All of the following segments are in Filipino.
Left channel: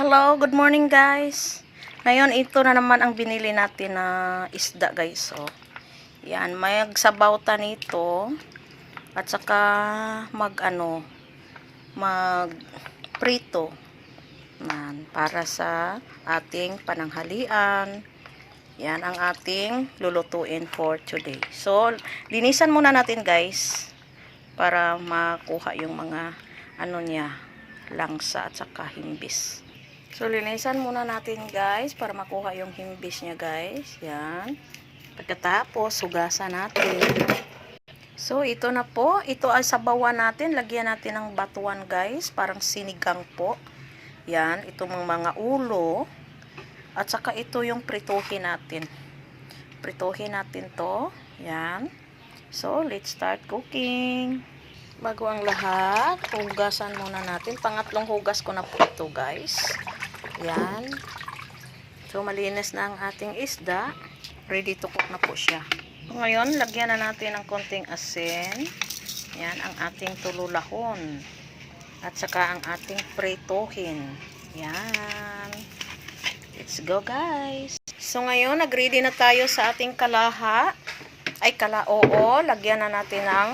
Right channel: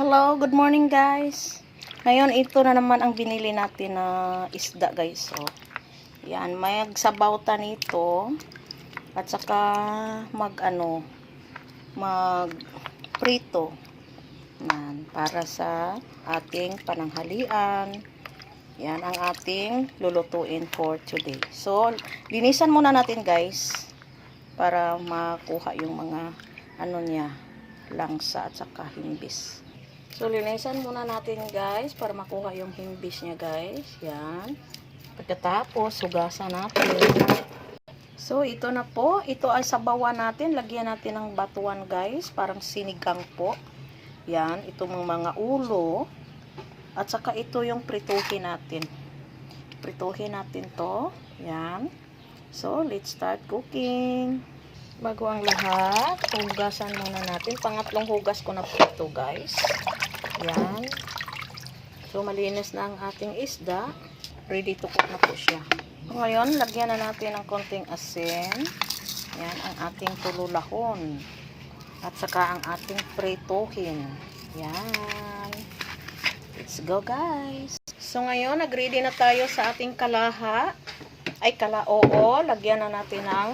Hello, good morning guys. Ngayon ito na naman ang binili natin na isda guys. So, yan, may sabaw nito at saka mag prito. Yan, para sa ating pananghalian. Yan ang ating lulutuin for today. So, linisan muna natin guys para makuha yung mga langsa at saka himbis. So, linisan muna natin guys para makuha yung himbis niya guys. Yan. Pagkatapos, hugasan natin. So, ito na po. Ito ay sabawan natin. Lagyan natin ng batuan guys. Parang sinigang po. Yan. Itong mga ulo. At saka ito yung prituhin natin. Prituhin natin to. Yan. So, let's start cooking. Bago ang lahat, hugasan muna natin. Pangatlong hugas ko na po ito guys. Yan. So, malinis na ang ating isda. Ready to cook na po siya. So, ngayon, lagyan na natin ng konting asin. Yan, ang ating tululahon. At saka ang ating prituhin. Yan. Let's go, guys. So, ngayon, nag-ready na tayo sa ating kalaha. Ay, kalao. Lagyan na natin ng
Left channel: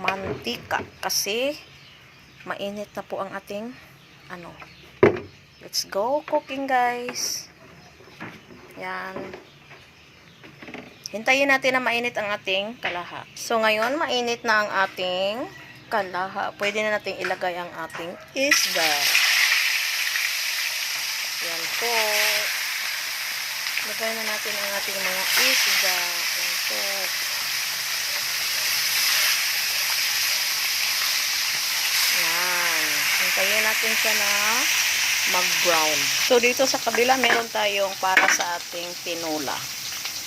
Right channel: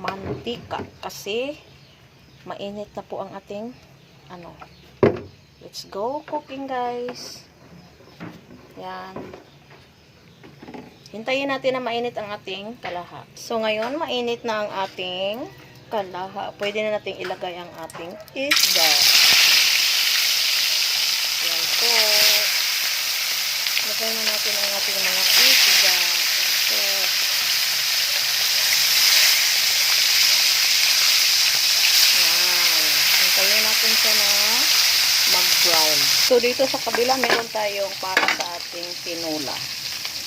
mantika. Kasi, mainit na po ang ating, let's go cooking guys. Yan. Hintayin natin na mainit ang ating kalaha. So ngayon, mainit na ang ating kalaha. Pwede na nating ilagay ang ating isda. Yan po. Ilagay na natin ang ating mga isda. Yan po. Yan. Hintayin natin siya na mag-brown. So, dito sa kabila, meron tayong para sa ating tinola.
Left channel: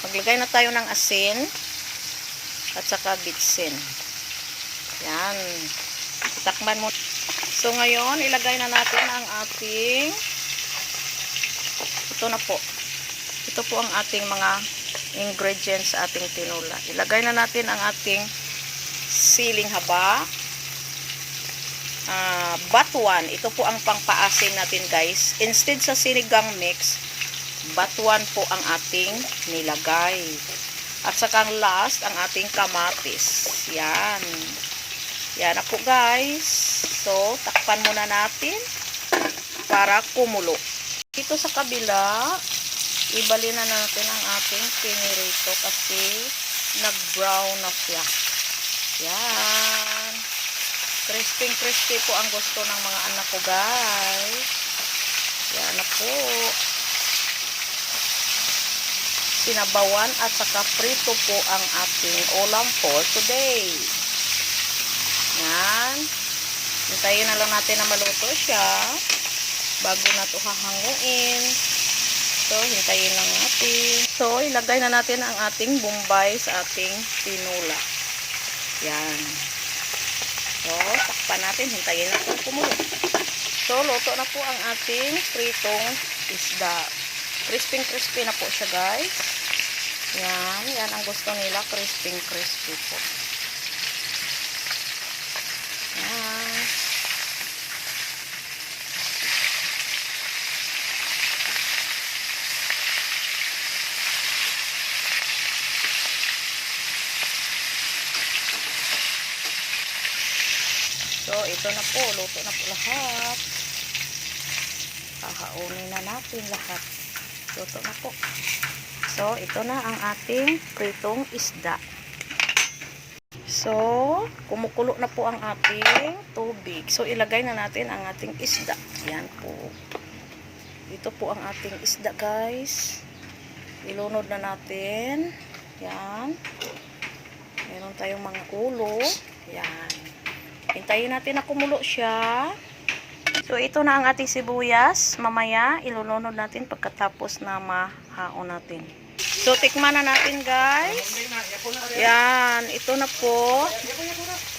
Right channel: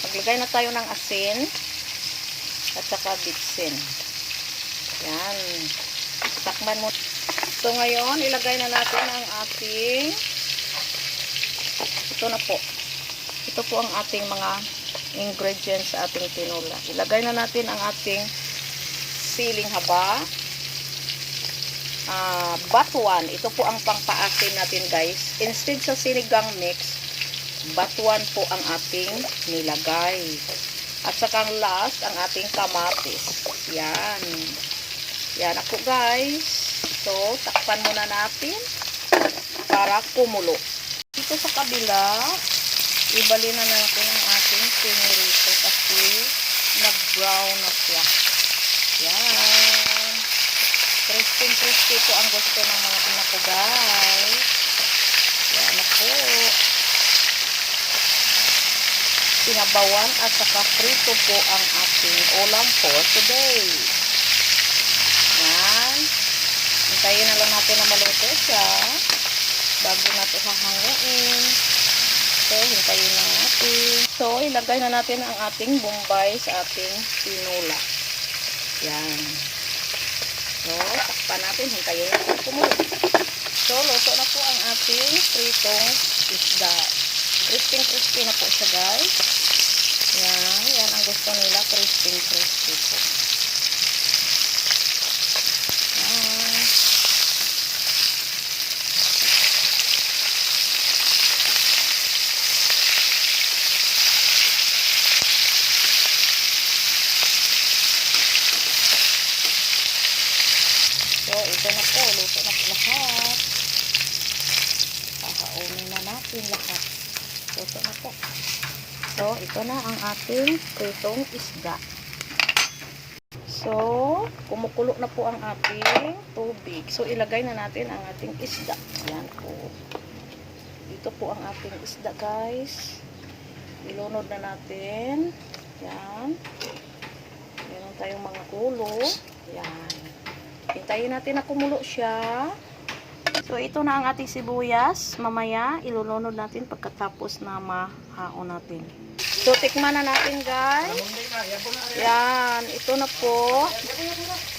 Maglagay na tayo ng asin at saka bitsin. Yan. Takman mo. So, ngayon, ilagay na natin ang ating ito na po. Ito po ang ating mga ingredients sa ating tinola. Ilagay na natin ang ating siling haba. Batuan, ito po ang pangpaasin natin guys. Instead sa sinigang mix, batuan po ang ating nilagay. At saka ang last, ang ating kamatis. Yan. Yan na po guys. So, takpan muna natin para kumulo. Dito sa kabila, ibalin na natin ang ating pinirito kasi nag-brown na siya. Yan. Crispy po ang gusto ng mga anak ko guys. Yan na po. Sinabawan at saka prito po ang ating ulam for today. Yan. Hintayin na lang natin na maluto siya bago na ito hahanguin. So, hintayin lang natin. So, ilagay na natin ang ating bombay sa ating tinola. Yan. So, takpan natin. Hintayin natin kumulo. So, luto na po ang ating pritong isda. Crispy na po siya, guys. Yan. Yan ang gusto nila. Crispy po. Yan. So, ito na po. Luto na po lahat. Kakaunin na natin lahat. Luto na po. So, ito na ang ating pritong isda. So, kumukulo na po ang ating tubig. So, ilagay na natin ang ating isda. Yan po. Ito po ang ating isda, guys. Ilunod na natin. Yan. Meron tayong mga ulo. Yan. Hintayin natin na kumulo siya. So, ito na ang ating sibuyas. Mamaya, ilunod natin pagkatapos na mahaon natin. So, tikman na natin, guys. Yan. Ito na po.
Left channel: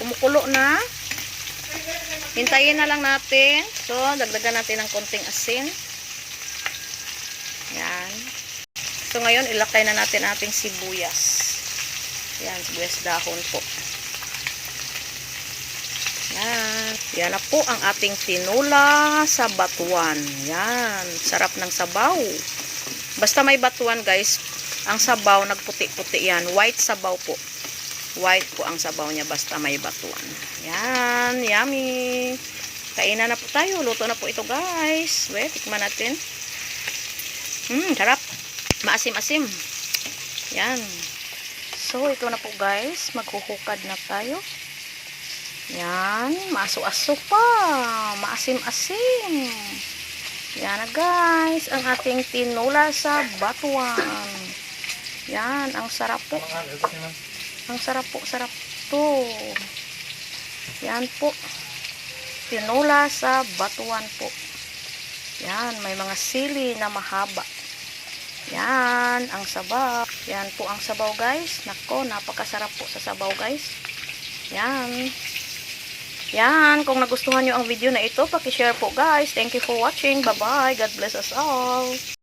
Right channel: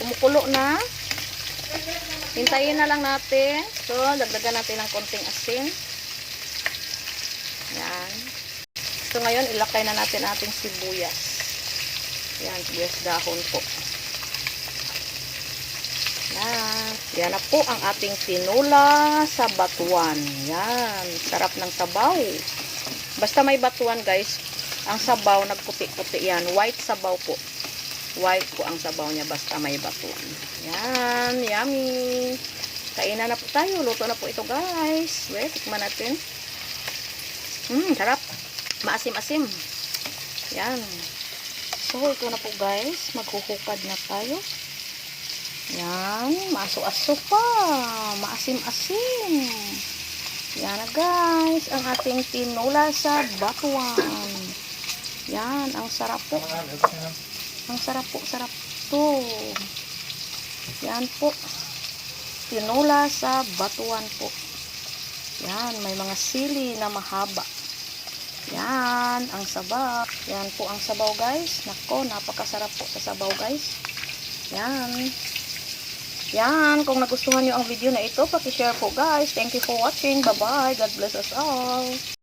Kumukulo na. Hintayin na lang natin. So, dagdagan natin ng konting asin. Yan. So, ngayon, ilakay na natin ating sibuyas. Yan, sibuyas dahon po. Yan. Yan na po ang ating tinola sa batuan. Yan. Sarap ng sabaw. Basta may batuan guys, ang sabaw nagputi-puti yan. White sabaw po. White po ang sabaw niya basta may batuan. Yan. Yummy. Kainan na po tayo. Luto na po ito guys. Wait, tikman natin. Sarap. Maasim-asim. Yan. So, ito na po guys. Maghuhukad na tayo. Yan. Maaso-aso pa. Maasim-asim. Yan na guys. Ang ating tinola sa batuan. Yan. Ang sarap po. Ang sarap po. Sarap to. Yan po. Tinola sa batuan po. Yan. May mga sili na mahaba. Yan, ang sabaw. Yan po ang sabaw guys. Nako, napakasarap po sa sabaw guys. Yan. Yan, kung nagustuhan nyo ang video na ito, paki-share po guys. Thank you for watching. Bye-bye. God bless us all.